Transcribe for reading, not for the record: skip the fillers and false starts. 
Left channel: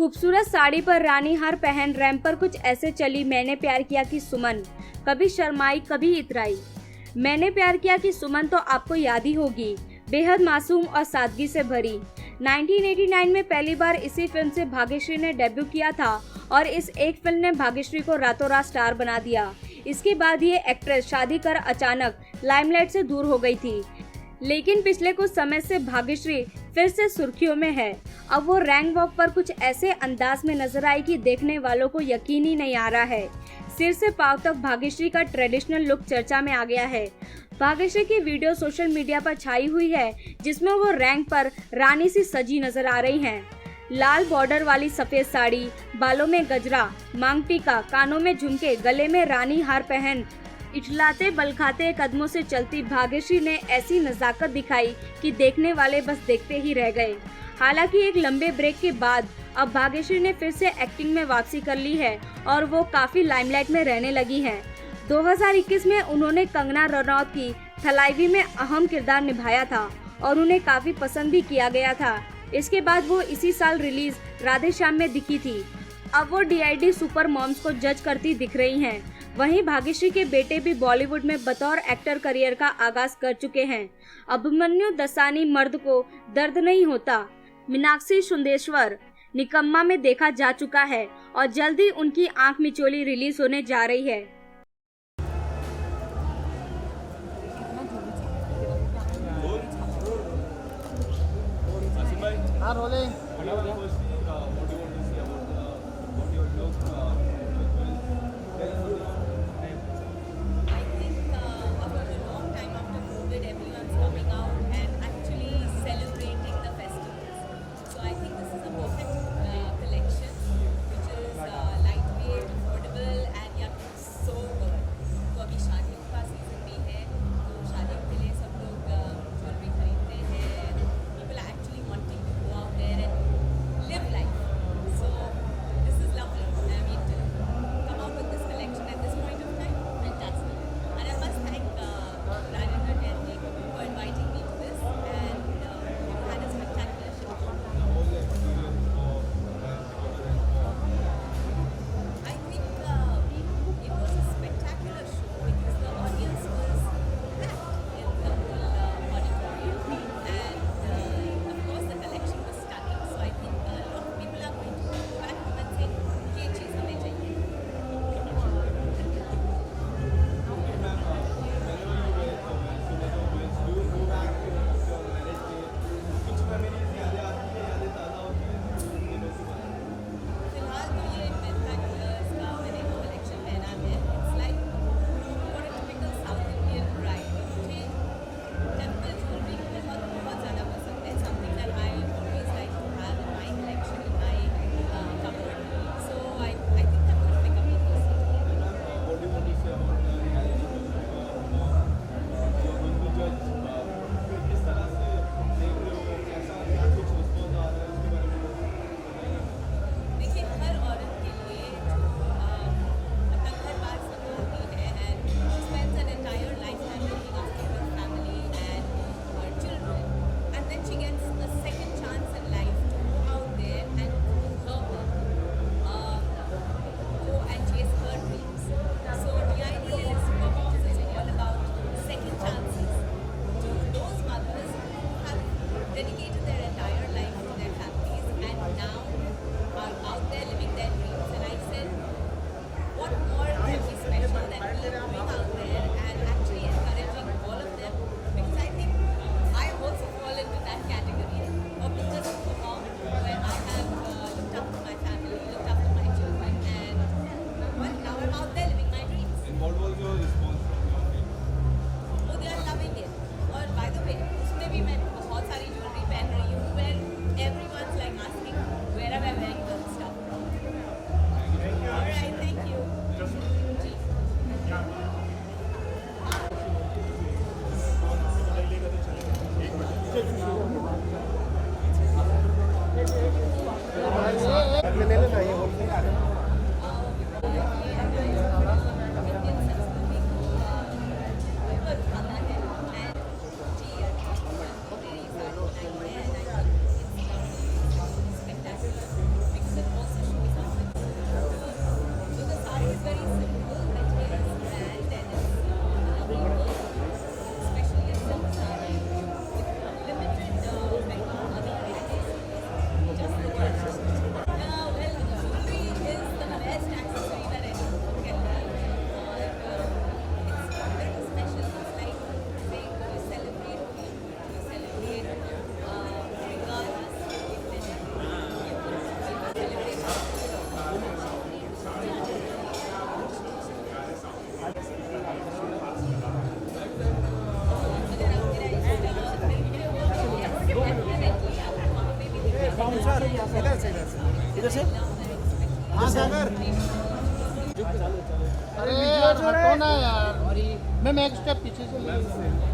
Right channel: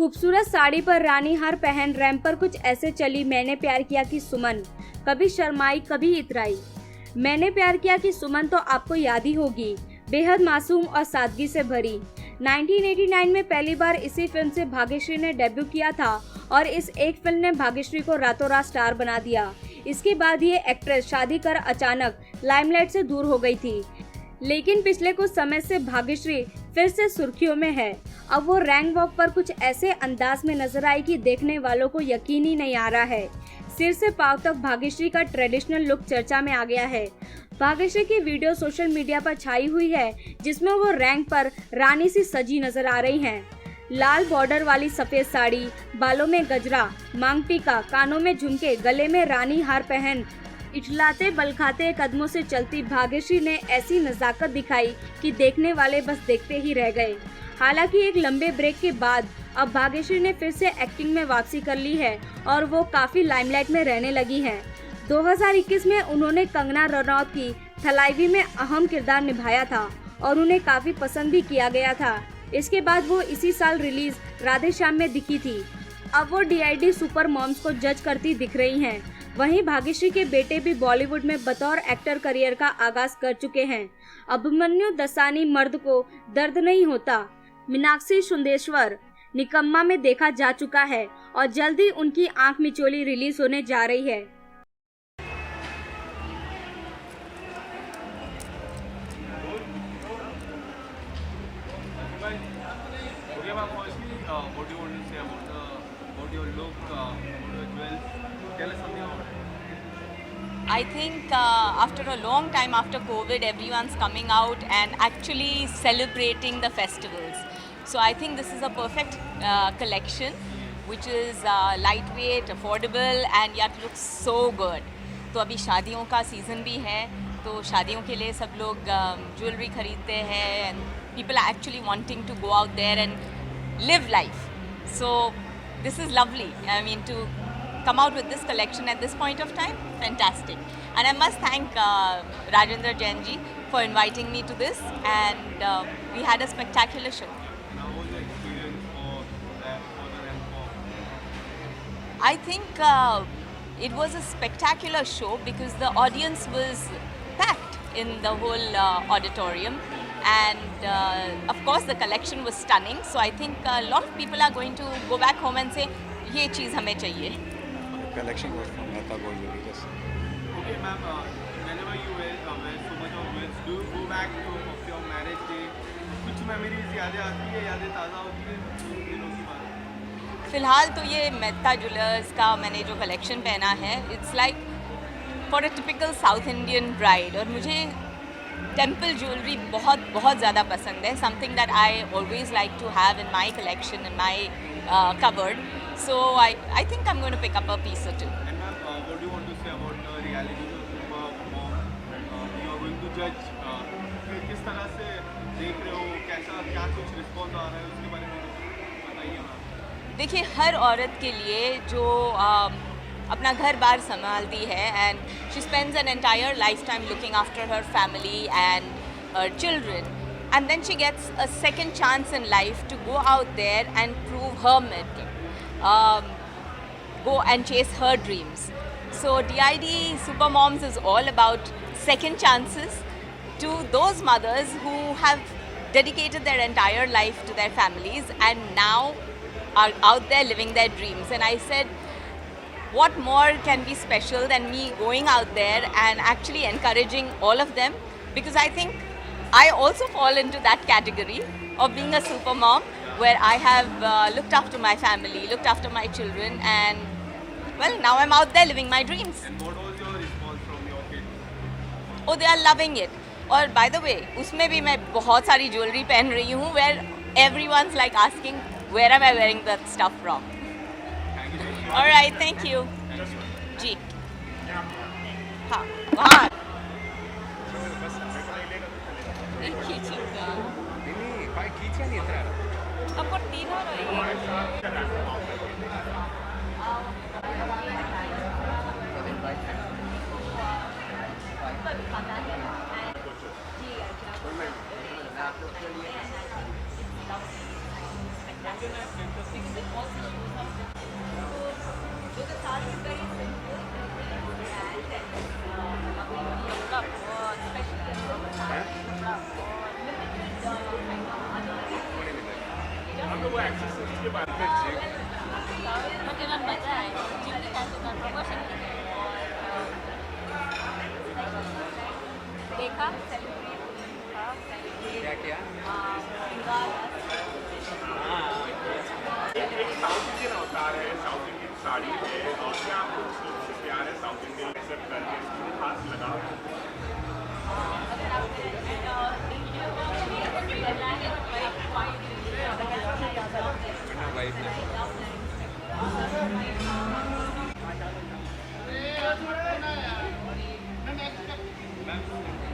खूबसूरत साड़ी पर रानी हार पहन रैंप पर कुछ ऐसे चली मैंने प्यार किया कि सुमन, कभी शर्माई कभी इतराई। मैंने प्यार किया कि सुमन तो आपको याद ही होगी, बेहद मासूम और सादगी से भरी। 1989 में पहली बार इसी फिल्म से भाग्यश्री ने डेब्यू किया था और इस एक फिल्म ने भाग्यश्री को रातों रात स्टार बना दिया। इसके बाद ये एक्ट्रेस शादी कर अचानक लाइमलाइट से दूर हो गई थी, लेकिन पिछले कुछ समय से भाग्यश्री फिर से सुर्खियों में है। अब वो रैंक वॉक पर कुछ ऐसे अंदाज में नजर आई कि देखने वालों को यकीन ही नहीं आ रहा है। सिर से पांव तक भाग्यश्री का ट्रेडिशनल लुक चर्चा में आ गया है। भाग्यश्री की वीडियो सोशल मीडिया पर छाई हुई है, जिसमें वो रैंक पर रानी सी सजी नजर आ रही हैं। लाल बॉर्डर वाली सफेद साड़ी, बालों में गजरा, मांग टीका, कानों में झुमके, गले में रानी हार पहन इठलाते बलखाते कदमों से चलती भाग्यश्री ने ऐसी नजाकत दिखाई कि देखने वाले बस देखते ही रह गए। हालांकि एक लंबे ब्रेक के बाद अब भाग्यश्री ने फिर से एक्टिंग में वापसी कर ली है और वो काफी लाइमलाइट में रहने लगी हैं। 2021 में उन्होंने कंगना रनौत की थलाइवी में अहम किरदार निभाया था और उन्हें काफी पसंद भी किया गया था। इसके बाद वो इसी साल रिलीज राधे श्याम में दिखी थी। अब वो DID सुपर मॉम्स को जज करती दिख रही हैं। वहीं भाग्यश्री के बेटे भी बॉलीवुड में बतौर एक्टर करियर का आगाज कर चुके हैं। अभिमन्यु दसानी मर्द को दर्द नहीं होता, मीनाक्षी सुंदेश्वर निकम्मा में देखा जा चुका है और जल्द ही उनकी आंख मिचोली रिलीज होने जा रही है। I think after a long time after COVID, everyone's coming out and actually celebrating the festivals. So I think this is a perfect collection, which is lightweight, affordable, and yet looks so good. तो अभी शादियों का सीज़न भी है, तो शादियों के लिए सब लोग ज्वेलरी खरीदते हैं. People are actually wanting to go out there and live life. So this is lovely. I mean, to come out with this collection at this point of time, fantastic. And I must thank Rajendra Jain ji for inviting me to this, and we had a spectacular show. How was your experience for the Rent? I think it was a spectacular show because the audience was packed in the whole auditorium, and of course the collection was stunning. So I think a lot of people are going to go back home and say, ये चीज़ हमें चाहिए. Collection was fantastic. Okay, ma'am. Whenever you wear so much of jewels, do you go back of your marriage day? कुछ memories यादें आती है, यादें ताज़ा होती हैं उन दिनों की बात? फिलहाल तो ये मेहता ज्वेलर्स का मैंने जो कलेक्शन पहना है, it's like for a typical South Indian bride, और मुझे टेम्पल ज्वेलरी बहुत बहुत ज़्यादा पसंद है. Something that I always like to have in my collection, in my cupboard. So I think I'm going to pick up a piece or two. And ma'am, what do you want to say about the reality show Super Mom? You are going to judge. किस तरह से देख रहे हो, कैसा क्या कुछ रिस्पॉन्स आ रहा है, उसके बारे में बताइए मैम. देखिए, हर औरत के लिए जो अपना घर बार संभालती है, and she spends an entire life time looking after her family and her children, and then she gets a second chance in life to go out there and prove her mettle, go and chase her dreams. So DID Super Moms is all about second chances to those mothers who have dedicated their entire life to their families and now are out there living their dreams. And I said, what more can be special than me going out there and actually encouraging all of them, because I think I also fall into that category of being a super mom, where I have looked after my family, looked after my children, and well, now I'm out there living my dreams. And what was your response from your kids? Oh, they are loving it. और by the way, उसमें भी मैं बहुत सारी ज्वेलरी पहन रही हूँ, where everyone's like asking, where am I wearing that stuff from? All right, thank you. जी. हाँ, वहाँ. आपको तीनों मैम एक स्टेप पीछे चलिए।